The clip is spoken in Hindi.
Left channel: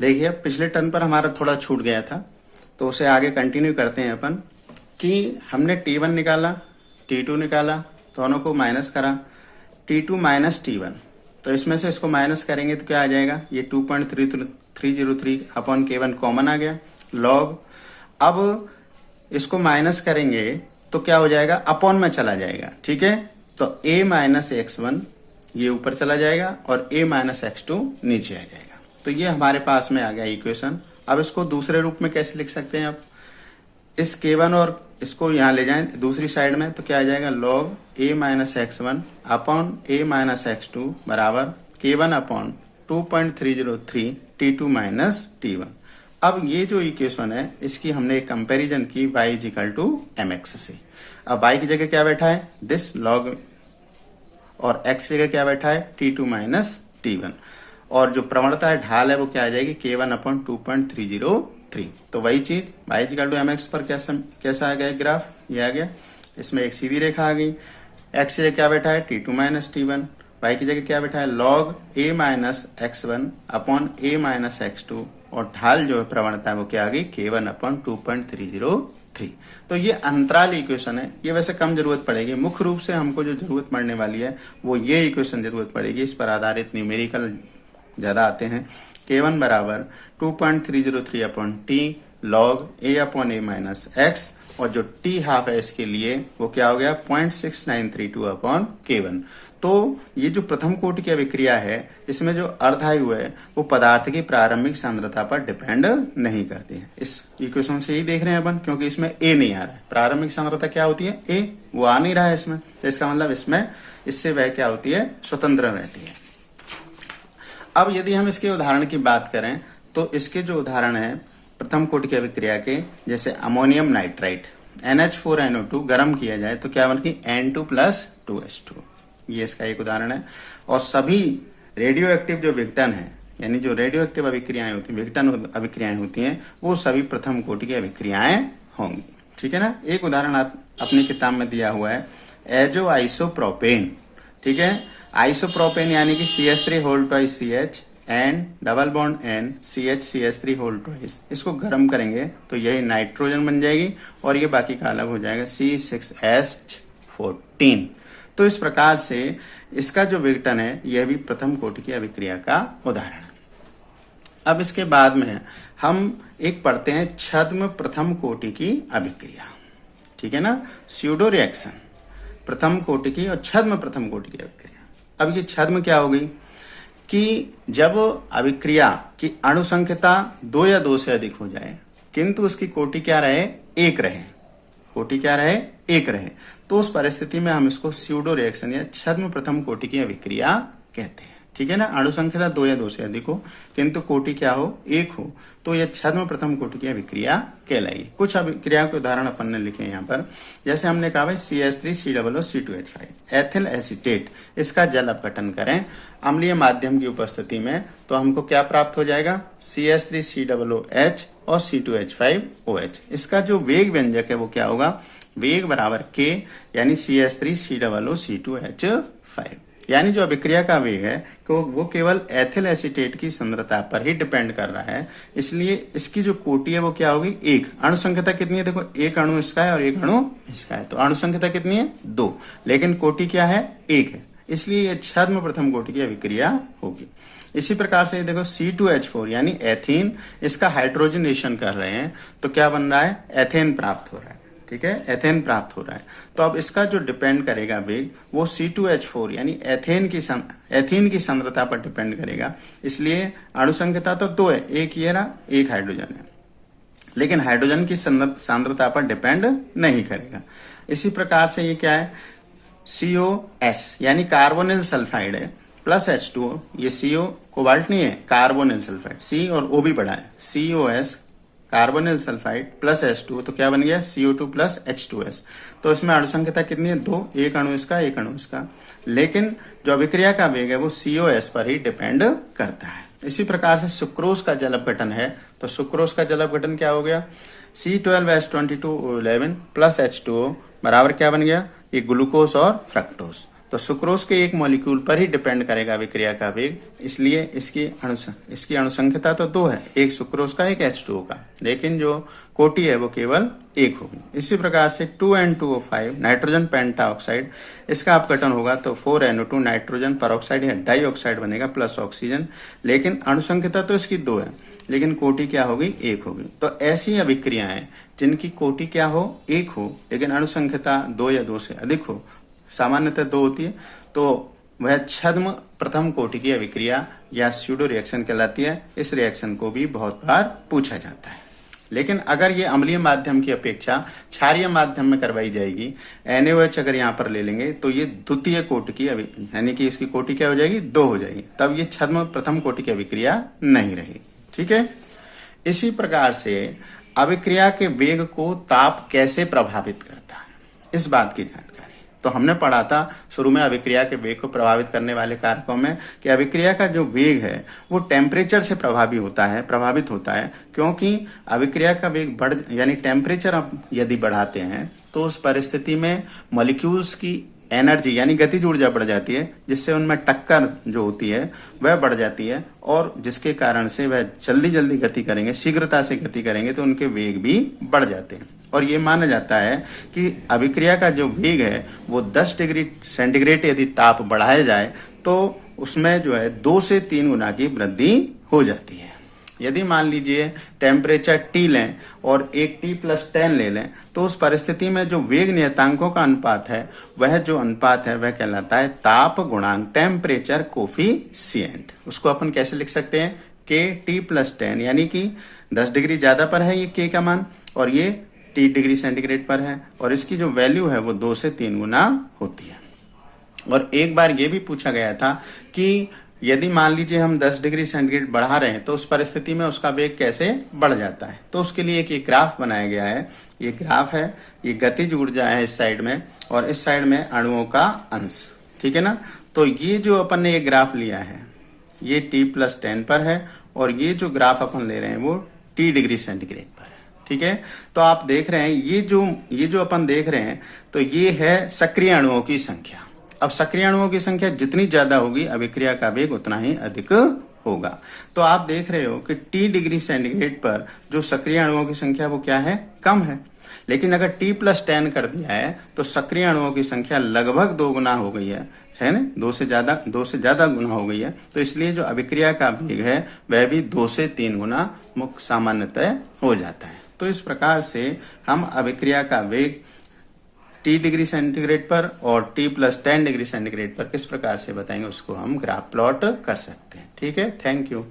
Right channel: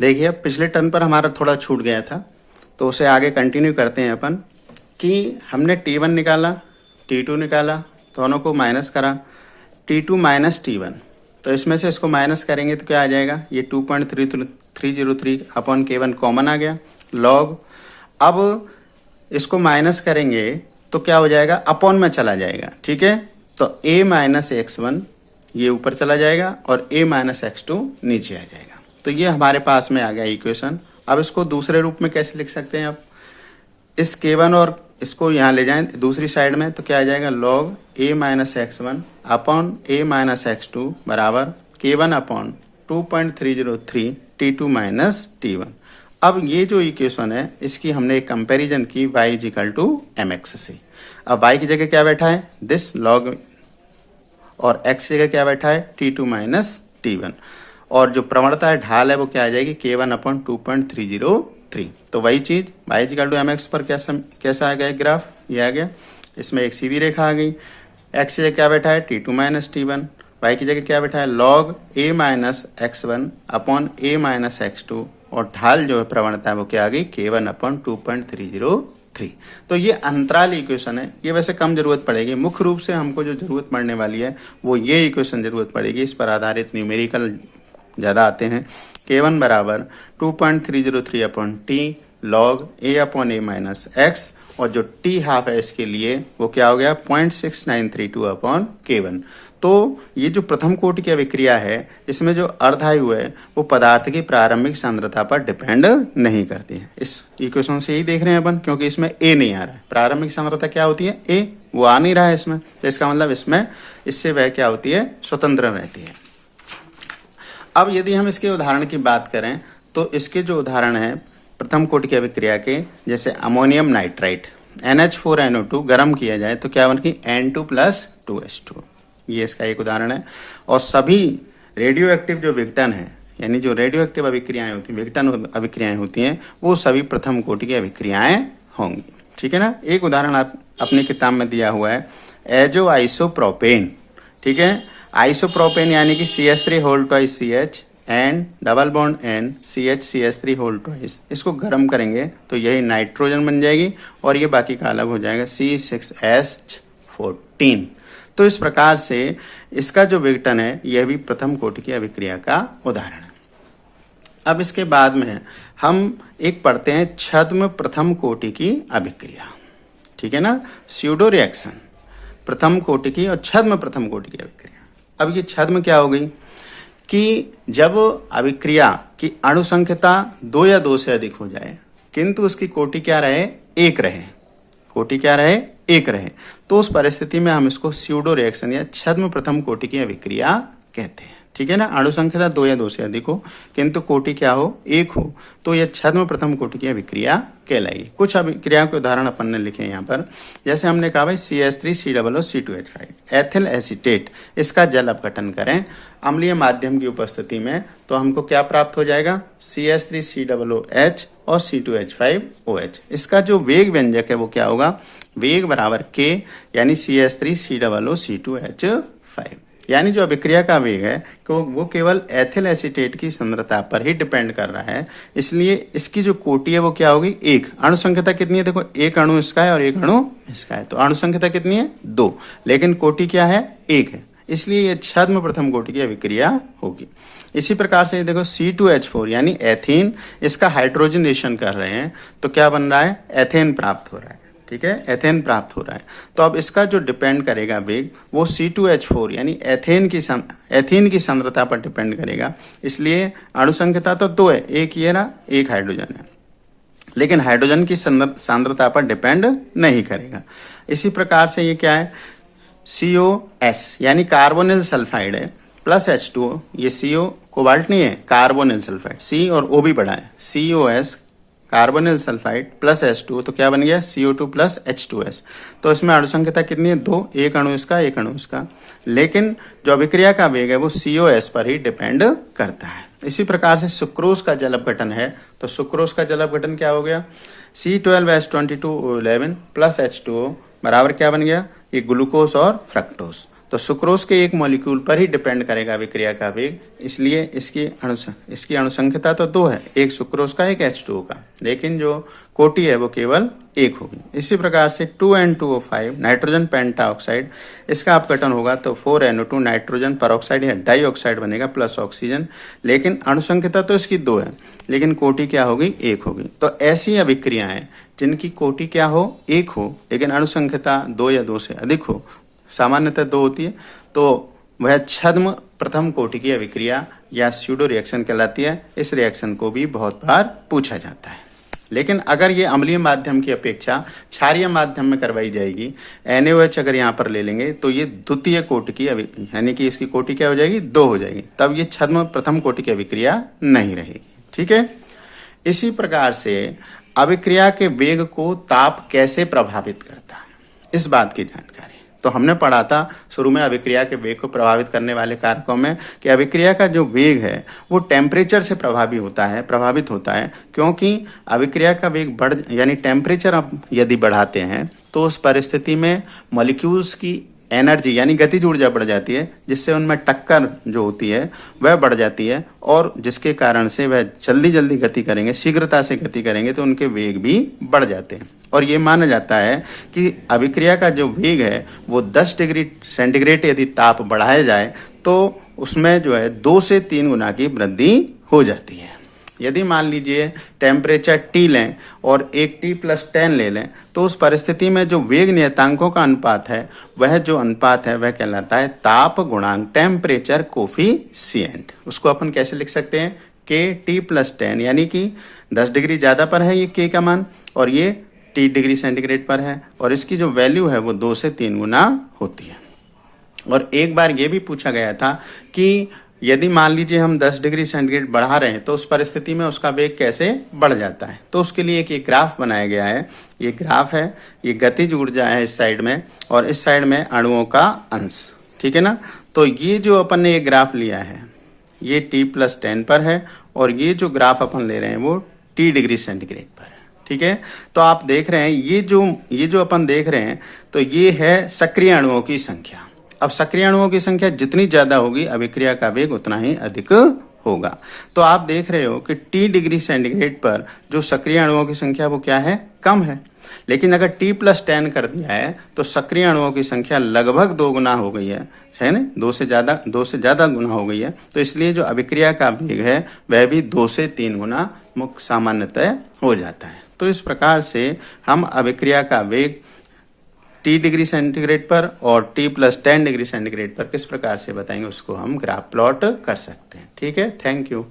देखिए पिछले टर्न पर हमारा थोड़ा छूट गया था, तो उसे आगे कंटिन्यू करते हैं अपन कि हमने T1 निकाला, T2 निकाला, दोनों को माइनस करा, T2 माइनस T1। तो इसमें से इसको माइनस करेंगे तो क्या आ जाएगा, ये 2.303 अपॉन K1 कॉमन आ गया लॉग। अब इसको माइनस करेंगे तो क्या हो जाएगा, अपॉन में चला जाएगा, ठीक है। तो a माइनस x1 ये ऊपर चला जाएगा और a माइनस x2 नीचे आ जाएगा। तो ये हमारे पास में आ गया इक्वेशन। अब इसको दूसरे रूप में कैसे लिख सकते हैं, आप इस K1 और इसको यहाँ ले जाएं दूसरी साइड में, तो क्या आ जाएगा, log a minus x1 upon a minus x2 बराबर K1 upon 2.303 T2 minus T1। अब ये जो इक्वेशन है इसकी हमने एक कंपैरिजन की y इजिकल टू mx से। अब y की जगह क्या बैठा है, दिस लॉग, और x की जगह क्या बैठा है, T2 माइनस T1, और जो प्रवणता है ढाल है वो क्या आ जाएगी, K1 अपॉन 2.303। तो वही चीज y इजिकल टू mx पर कैसा आ गया ग्राफ, ये आ गया। इसमें एक सीधी रेखा आ गई, x की जगह क्या बैठा है, T2 माइनस T1, y की जगह क्या बैठा है, log a minus x1 upon a minus x2, और ढाल जो है प्रवणता है वो क्या आ गई, K1 अपॉन 2.303। तो ये अंतराल इक्वेशन है, ये वैसे कम जरूरत पड़ेगी। मुख्य रूप से हमको जो जरूरत पड़ने वाली है वो ये इक्वेशन जरूरत पड़ेगी। इस पर आधारित न्यूमेरिकल ज्यादा आते हैं। K1 बराबर 2.303 upon T log a upon a minus x, और जो टी हाफ है इसके लिए वो क्या हो गया, 0.6932 अपॉन K1। तो ये जो प्रथम कोटि की अभिक्रिया है इसमें जो अर्धायु है वो पदार्थ की प्रारंभिक सांद्रता पर डिपेंड नहीं करती है। इस इक्वेशन से यही देख रहे हैं अपन, क्योंकि इसमें ए नहीं आ रहा है। प्रारंभिक सांद्रता क्या होती है, ए, वो आ नहीं रहा है इसमें, तो इसका मतलब इसमें इससे वह क्या होती है, स्वतंत्र रहती है। अब यदि हम इसके उदाहरण की बात करें तो इसके जो उदाहरण है प्रथम कोटि की अभिक्रिया के, जैसे अमोनियम नाइट्राइट NH4NO2 गर्म किया जाए तो क्या बनेगी, N2 प्लस 2H2, ये इसका एक उदाहरण है। और सभी रेडियो एक्टिव जो विघटन है, यानी जो रेडियो एक्टिव अभिक्रियाएं होती हैं, विघटन अभिक्रियाएं होती हैं, वो सभी प्रथम कोटि की अभिक्रियाएं होंगी, ठीक है ना। एक उदाहरण आप अपनी किताब में दिया हुआ है, एजो आइसोप्रोपेन, ठीक है। आइसोप्रोपेन यानी कि CH3 whole twice CH and double bond N CH3 whole twice, इसको गर्म करेंगे तो यही नाइट्रोजन बन जाएगी और ये बाकी का अलग हो जाएगा C6H14। तो इस प्रकार से इसका जो विघटन है यह भी प्रथम कोटि की अभिक्रिया का उदाहरण है। अब इसके बाद में हम एक पढ़ते हैं छद्म प्रथम कोटि की अभिक्रिया, ठीक है ना, स्यूडो रिएक्शन प्रथम कोटि की और छद्म प्रथम कोटि की अभिक्रिया। अब ये छद्म क्या हो गई कि जब अभिक्रिया की अणु संख्या 2 या 2 से अधिक हो जाए किंतु उसकी कोटि क्या रहे, एक रहे, कोटि क्या रहे, एक रहे, तो उस परिस्थिति में हम इसको स्यूडो रिएक्शन या छद्म प्रथम कोटि की अभिक्रिया कहते हैं, ठीक है ना। अणु संख्या 2 या 2 से अधिक हो किंतु कोटि क्या हो, एक हो, तो यह छद्म प्रथम कोटि की अभिक्रिया कहलाएगी। कुछ अभिक्रियाओं के उदाहरण अपन ने लिखे यहाँ पर, जैसे हमने कहा भाई CH3COO एथिल एसीटेट, इसका जल अपघटन करें अम्लीय माध्यम की उपस्थिति में तो हमको क्या प्राप्त हो जाएगा, CH3COOH और C2H5OH। इसका जो वेग व्यंजक है वो क्या होगा, वेग बराबर K, यानी CH3COO यानी जो अभिक्रिया का वेग है तो वो केवल एथिल एसीटेट की सांद्रता पर ही डिपेंड कर रहा है, इसलिए इसकी जो कोटि है वो क्या होगी, एक। अणु संख्या कितनी है, देखो एक अणु इसका है और एक अणु इसका है, तो अणु संख्या कितनी है, 2, लेकिन कोटि क्या है, एक है, इसलिए ये छद्म प्रथम कोटि की अभिक्रिया होगी। इसी प्रकार से देखो C2H4 यानी एथीन, इसका हाइड्रोजनेशन कर रहे हैं तो क्या बन रहा है, एथेन प्राप्त हो रहा है, ठीक है, एथेन प्राप्त हो रहा है। तो अब इसका जो डिपेंड करेगा वेग वो C2H4 यानी एथेन की सांद्रता पर डिपेंड करेगा, इसलिए अणु संख्या तो 2 है, एक ये ना, एक हाइड्रोजन है, लेकिन हाइड्रोजन की सांद्रता पर डिपेंड नहीं करेगा। इसी प्रकार से ये क्या है, COS यानी कार्बोनिल सल्फाइड है प्लस H2O, ये CO कोबाल्ट नहीं है, कार्बोनिल सल्फाइड, C और O भी पढ़ा है, COS carbonyl sulphide plus H2O, तो क्या बन गया CO2 प्लस H2S। तो इसमें अणु संख्या कितनी है, 2, एक अणु इसका एक अणु इसका, लेकिन जो अभिक्रिया का वेग है वो COS पर ही डिपेंड करता है। इसी प्रकार से सुक्रोज का जल अपघटन है, तो सुक्रोज का जल अपघटन क्या हो गया, C12H22O11 प्लस H2O बराबर क्या बन गया, ये ग्लूकोज और फ्रक्टोज। तो सुक्रोज के एक मॉलिक्यूल पर ही डिपेंड करेगा अभिक्रिया का वेग, इसलिए इसकी अणुसंख्यता तो 2 है, एक सुक्रोज का एक H2O का, लेकिन जो कोटि है वो केवल 1 होगी। इसी प्रकार से 2N2O5 नाइट्रोजन पेंटाऑक्साइड, इसका अपघटन होगा तो 4NO2 नाइट्रोजन परऑक्साइड या डाइऑक्साइड बनेगा प्लस ऑक्सीजन, लेकिन अणुसंख्यता तो इसकी 2 है, लेकिन कोटि क्या होगी, 1 होगी। तो ऐसी अभिक्रियाएं जिनकी कोटि क्या हो, 1 हो, लेकिन अणुसंख्यता 2 या 2 से अधिक हो, सामान्यतः 2 होती है, तो वह छद्म प्रथम कोटि की अभिक्रिया या स्यूडो रिएक्शन कहलाती है। इस रिएक्शन को भी बहुत बार पूछा जाता है। लेकिन अगर ये अम्लीय माध्यम की अपेक्षा क्षारीय माध्यम में करवाई जाएगी, NaOH अगर यहाँ पर ले लेंगे तो ये द्वितीय कोटि की यानी कि इसकी कोटि क्या हो जाएगी, 2 हो जाएगी, तब ये छद्म प्रथम कोटि की अभिक्रिया नहीं रहेगी। ठीक है। इसी प्रकार से अभिक्रिया के वेग को ताप कैसे प्रभावित करता है, इस बात की जानकारी तो हमने पढ़ा था शुरू में अभिक्रिया के वेग को प्रभावित करने वाले कारकों में कि अभिक्रिया का जो वेग है वो टेम्परेचर से प्रभावित होता है, क्योंकि अभिक्रिया का वेग यानी टेम्परेचर आप यदि बढ़ाते हैं तो उस परिस्थिति में मॉलिक्यूल्स की एनर्जी यानी गतिज ऊर्जा बढ़ जाती है, जिससे उनमें टक्कर जो होती है वह बढ़ जाती है, और जिसके कारण से वह जल्दी गति करेंगे, शीघ्रता से गति करेंगे, तो उनके वेग भी बढ़ जाते हैं। और ये माना जाता है कि अभिक्रिया का जो वेग है वो 10 डिग्री सेंटीग्रेड यदि ताप बढ़ाया जाए तो उसमें जो है 2 से 3 गुना की वृद्धि हो जाती है। यदि मान लीजिए टेम्परेचर T लें और एक T+10 ले लें, तो उस परिस्थिति में जो वेग नियतांकों का अनुपात है वह कहलाता है ताप गुणांक, टेम्परेचर कोफिशिएंट। उसको अपन कैसे लिख सकते हैं, KT+10, यानी कि 10 डिग्री ज्यादा पर है ये K का मान और ये T डिग्री सेंटीग्रेड पर है, और इसकी जो वैल्यू है वो 2 से 3 गुना होती है। और एक बार ये भी पूछा गया था कि यदि मान लीजिए हम 10 डिग्री सेंटीग्रेड बढ़ा रहे हैं तो उस परिस्थिति में उसका वेग कैसे बढ़ जाता है, तो उसके लिए एक ग्राफ बनाया गया है। ये ग्राफ है, ये गतिज ऊर्जा है इस साइड में और इस साइड में अणुओं का अंश, ठीक है ना। तो ये जो अपन ने ये ग्राफ लिया है ये T+10 पर है, और ये जो ग्राफ अपन ले रहे हैं वो T डिग्री सेंटीग्रेड पर है, ठीक है। तो आप देख रहे हैं ये जो अपन देख रहे हैं तो ये है सक्रिय अणुओं की संख्या। अब सक्रिय अणुओं की संख्या जितनी ज्यादा होगी अभिक्रिया का वेग उतना ही अधिक होगा। तो आप देख रहे हो कि T डिग्री सेंटीग्रेड पर जो सक्रिय अणुओं की संख्या वो क्या है, कम है, लेकिन अगर T+10 कर दिया है तो सक्रिय अणुओं की संख्या लगभग 2 गुना हो गई है ना, 2 से ज्यादा गुना हो गई है। तो इसलिए जो अभिक्रिया का वेग है वह भी 2 से 3 गुना मुख्य सामान्यतः हो जाता है। तो इस प्रकार से हम अभिक्रिया का वेग T डिग्री सेंटीग्रेड पर और T+10 डिग्री सेंटीग्रेड पर किस प्रकार से बताएंगे उसको हम ग्राफ प्लॉट कर सकते हैं। ठीक है, थैंक यू।